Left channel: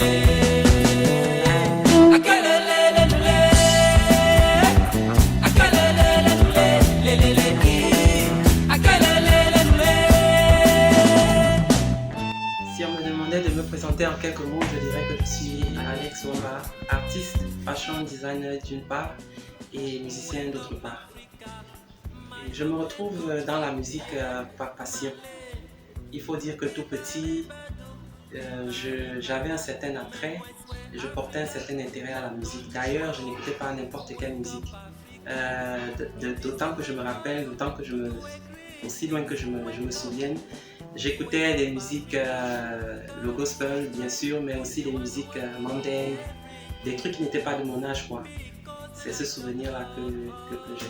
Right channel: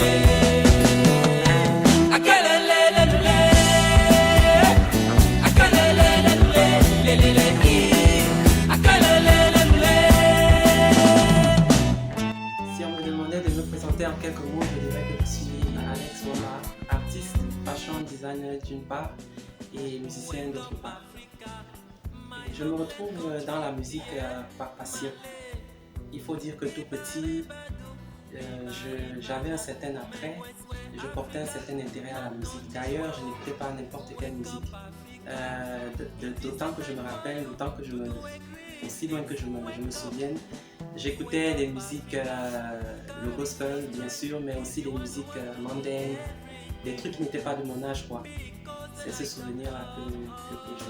on me demandait de me présenter en quelques mots, je dirais que je suis Alex Wamba, artiste, fashion designer d'une part et musicien d'autre part. Je me retrouve dans la musique par passion. Il faut dire que tout petit, j'avais un certain attrait, je portais un certain intérêt à la musique. D'ailleurs, je n'écoutais pas n'importe quelle musique. D'autant que je me rappelle, aussi loin que je me souvienne, j'écoutais des musiques, le gospel bien sûr, mais aussi des musiques mondaines, des trucs qui n'étaient pas de mon âge, quoi. C'est ce souvenir-là que j'ai.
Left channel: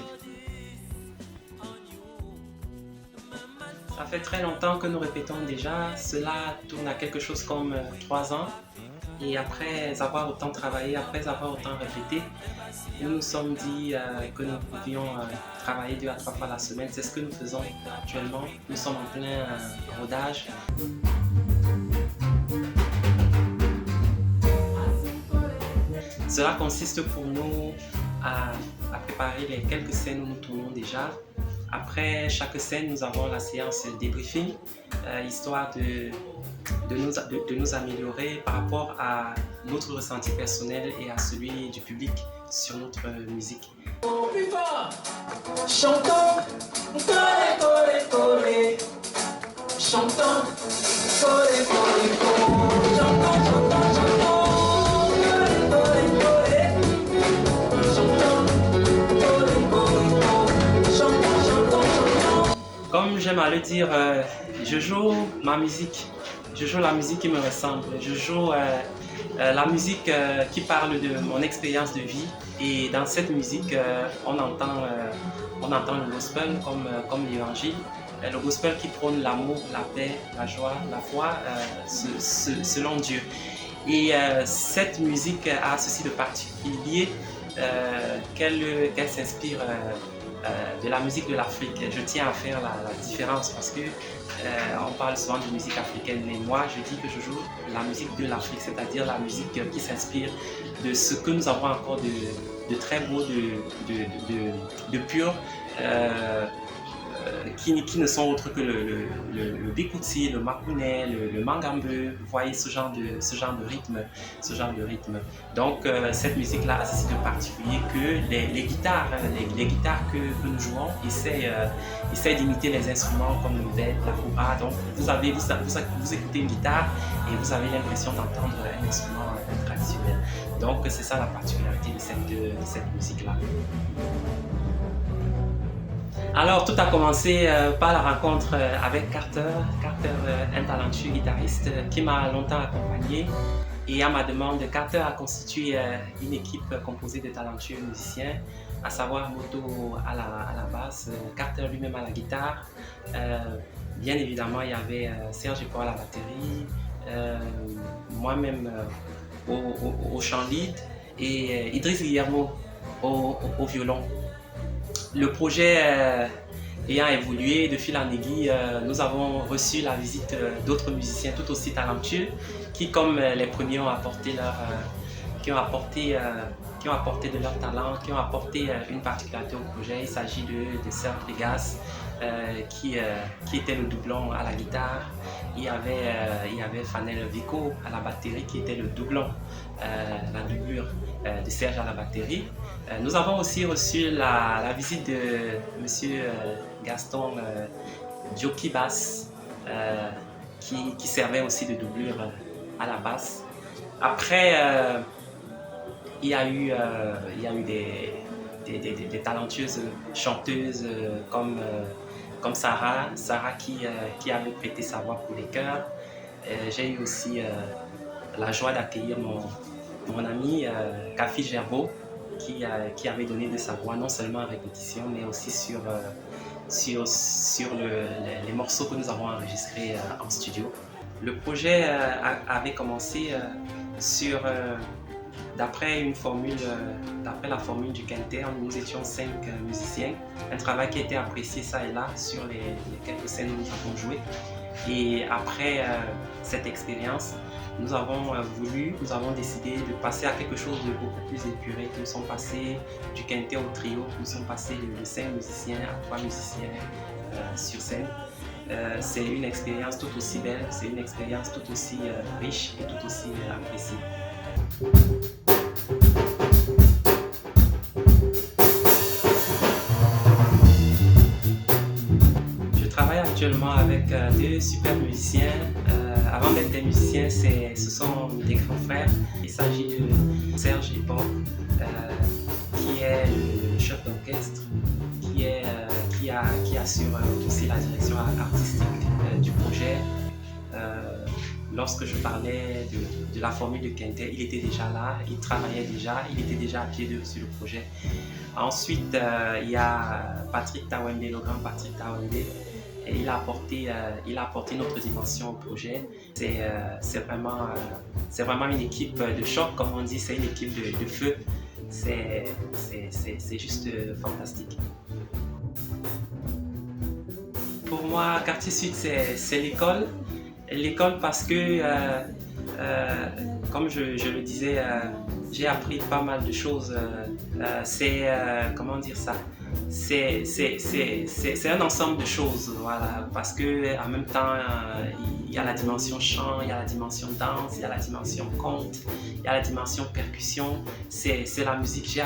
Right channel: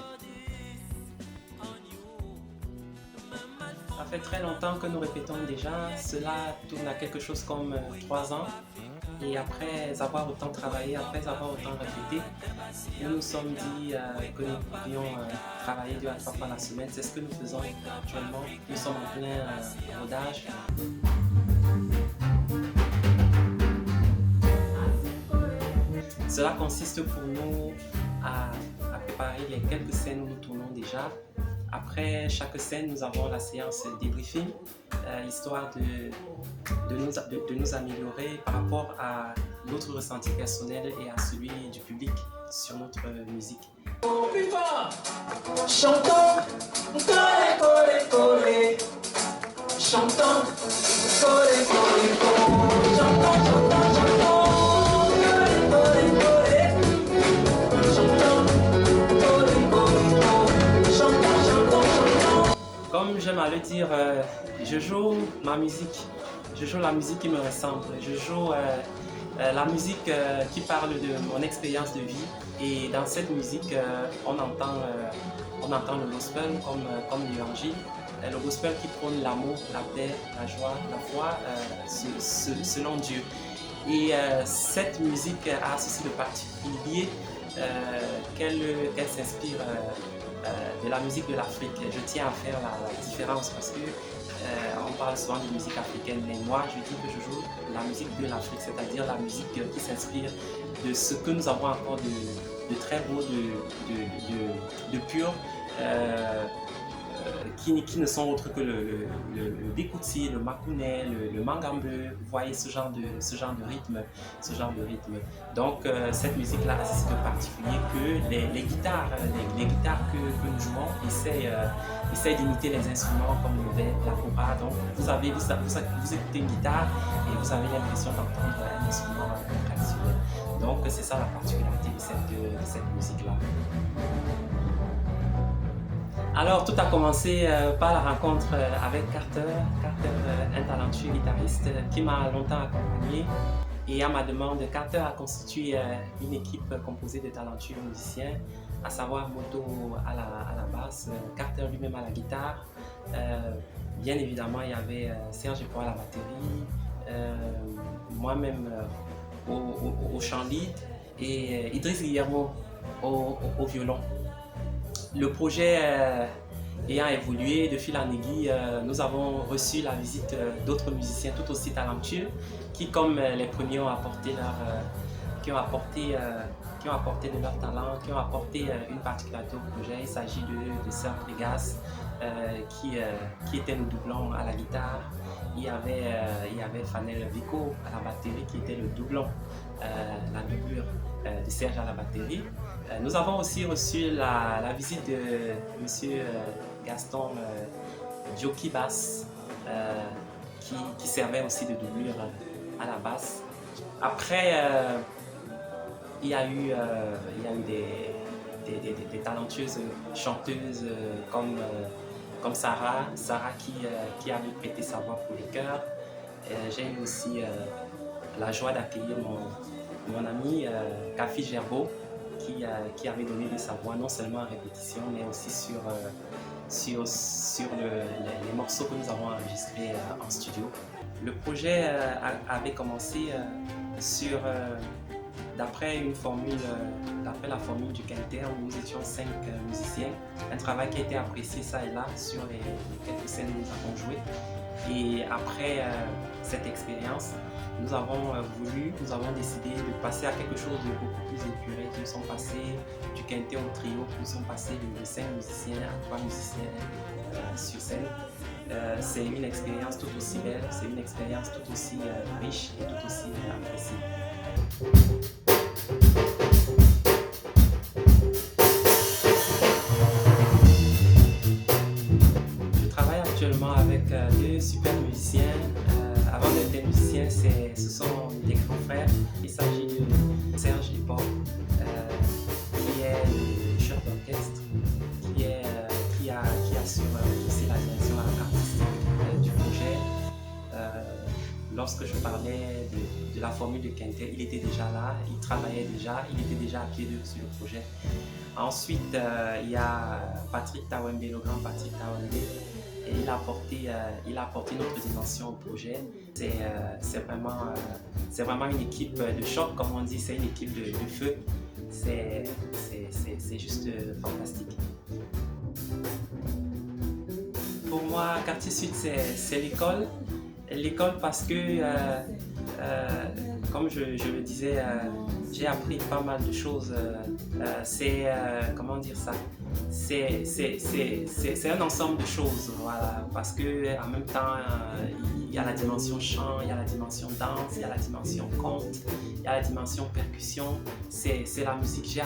Ça fait très longtemps que nous répétons déjà, cela tourne à quelque chose comme 3 ans. Et après avoir autant travaillé, après avoir autant répété, nous nous sommes dit que nous pouvions travailler 2 à 3 fois la semaine. C'est ce que nous faisons actuellement. Nous sommes en plein rodage. Cela consiste pour nous à préparer les quelques scènes où nous tournons déjà. Après chaque scène, nous avons la séance débriefing, histoire de nous améliorer par rapport à notre ressenti personnel et à celui du public sur notre musique. Plus fort, chantons, collé, collé, collé, chantons, collé, collé, collé, chantons, chantons, chantons. Comme j'aime à le dire, je joue ma musique, je joue la musique qui me ressemble, je joue la musique qui parle de mon expérience de vie, et dans cette musique on entend le gospel comme l'évangile, le gospel qui prône l'amour, la paix, la joie, la foi selon Dieu. Et cette musique a ceci de particulier qu'elle s'inspire de la musique de l'Afrique. Je tiens à faire la différence parce que on parle souvent de musique africaine, mais moi je dis que je joue la musique de l'Afrique, c'est-à-dire la musique qui s'inspire de ce que nous avons encore de très beau, de pur, qui ne sont autres que le bikutsi, le makounais, le mangambe, vous voyez ce genre de rythme. Donc cette musique-là a ceci de particulier que les guitares que nous jouons essaient d'imiter les instruments comme le bed, la kora. Donc vous écoutez une guitare et vous avez l'impression d'entendre un instrument traditionnel. Donc c'est ça la particularité de cette musique-là. Alors tout a commencé par la rencontre avec Carter, un talentueux guitariste qui m'a longtemps accompagné, et à ma demande, Carter a constitué une équipe composée de talentueux musiciens, à savoir Moto à la basse, Carter lui-même à la guitare, bien évidemment il y avait Serge Paul à la batterie, moi-même au chant lead et Idriss Guillermo au violon. Le projet ayant évolué de fil en aiguille, nous avons reçu la visite d'autres musiciens tout aussi talentueux qui, comme les premiers, ont apporté de leur talent, qui ont apporté une particularité au projet. Il s'agit de Serge Pregas qui était le doublon à la guitare. Il y avait Fanel Vico à la batterie qui était le doublon, la doublure de Serge à la batterie. Nous avons aussi reçu la visite de M. Gaston Dioki Bass qui servait aussi de doublure à la basse. Après, il y a eu des talentueuses chanteuses comme Sarah qui avait prêté sa voix pour les chœurs. J'ai eu aussi la joie d'accueillir mon ami Kafi Gerbeau qui avait donné de sa voix non seulement en répétition mais aussi sur les morceaux que nous avons enregistrés en studio. Le projet avait commencé d'après la formule du quintet. Nous étions 5 musiciens, un travail qui a été apprécié ça et là sur les quelques scènes où nous avons joué. Et après cette expérience, nous avons décidé de passer à quelque chose de beaucoup plus épuré. Nous sommes passés du quintet au trio, nous sommes passés de 5 musiciens à 3 musiciens sur scène. C'est une expérience tout aussi belle, c'est une expérience tout aussi riche et tout aussi appréciée. Je travaille actuellement avec deux super musiciens. Avant d'être des musiciens, ce sont des grands frères. Il s'agit de Serge Hip Hop, qui est le chef d'orchestre, qui assure aussi la direction artistique du projet. Lorsque je parlais de la formule de quintet, il était déjà là, il travaillait déjà, il était déjà à pied d'œuvre sur le projet. Ensuite, il y a Patrick Tawembe, le grand Patrick Tawembe, et il a apporté notre dimension au projet. C'est vraiment une équipe de choc, comme on dit, c'est une équipe de feu. C'est juste fantastique. Pour moi, Quartier Sud, c'est l'école. L'école parce que, comme je le disais, j'ai appris pas mal de choses. Comment dire ça? C'est un ensemble de choses, voilà, parce que en même temps, il y a la dimension chant, il y a la dimension danse, il y a la dimension conte, il y a la dimension percussion. C'est la musique.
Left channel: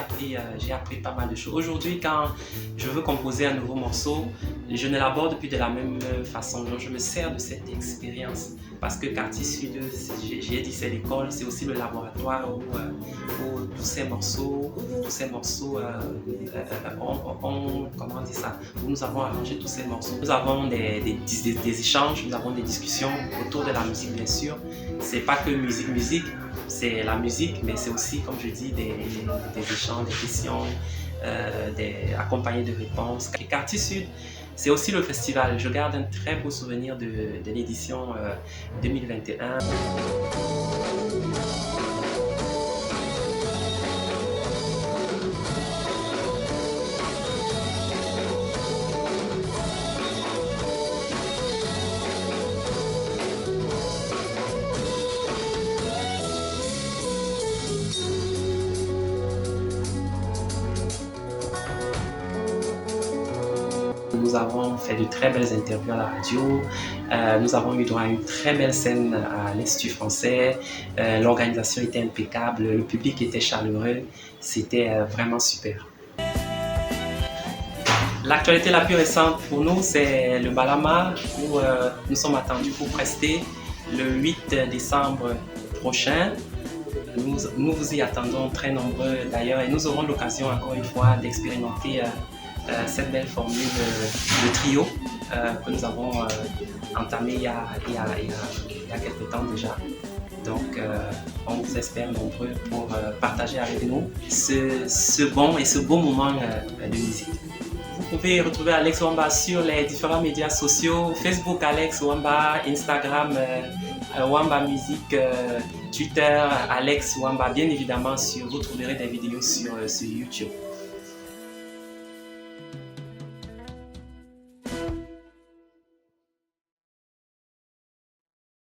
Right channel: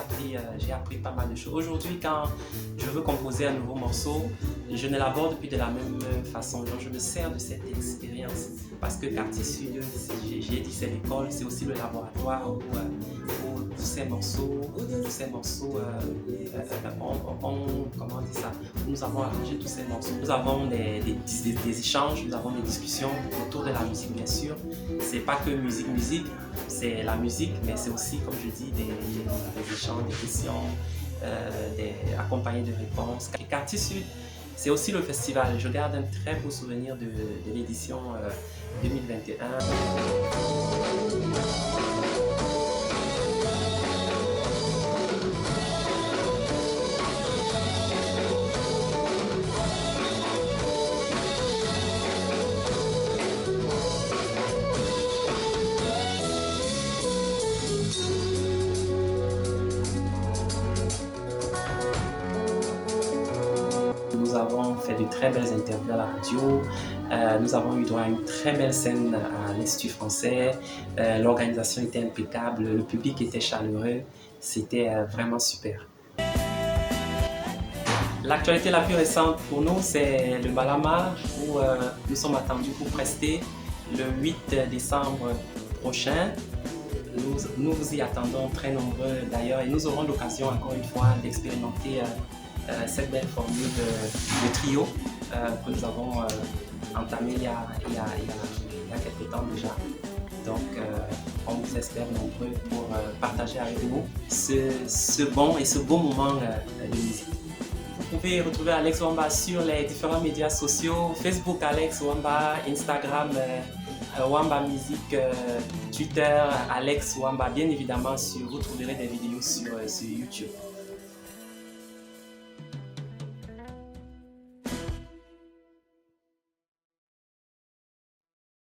J'ai appris pas mal de choses. Aujourd'hui, quand je veux composer un nouveau morceau, je ne l'aborde plus de la même façon. Donc, je me sers de cette expérience parce que Quartier Sud, j'ai dit, c'est l'école, c'est aussi le laboratoire où tous ces morceaux, comment dire ça, nous avons arrangé tous ces morceaux. Nous avons des échanges, nous avons des discussions autour de la musique, bien sûr. C'est pas que musique, c'est la musique, mais c'est aussi, comme je dis, des échanges, des questions, accompagnés de réponses. Et Quartier Sud, c'est aussi le festival. Je garde un très beau souvenir de l'édition 2021. Nous avons fait de très belles interviews à la radio. Nous avons eu droit à une très belle scène à l'Institut français. L'organisation était impeccable, le public était chaleureux. C'était vraiment super. L'actualité la plus récente pour nous, c'est le Balama, où nous sommes attendus pour prester le 8 décembre prochain. Nous vous y attendons très nombreux d'ailleurs et nous aurons l'occasion encore une fois d'expérimenter cette belle formule de trio que nous avons entamée il y a quelques temps déjà. Donc on vous espère nombreux pour partager avec nous ce bon et ce beau moment de musique. Vous pouvez retrouver Alex Wamba sur les différents médias sociaux, Facebook Alex Wamba, Instagram Wamba Musique, Twitter Alex Wamba. Bien évidemment, vous trouverez des vidéos sur YouTube.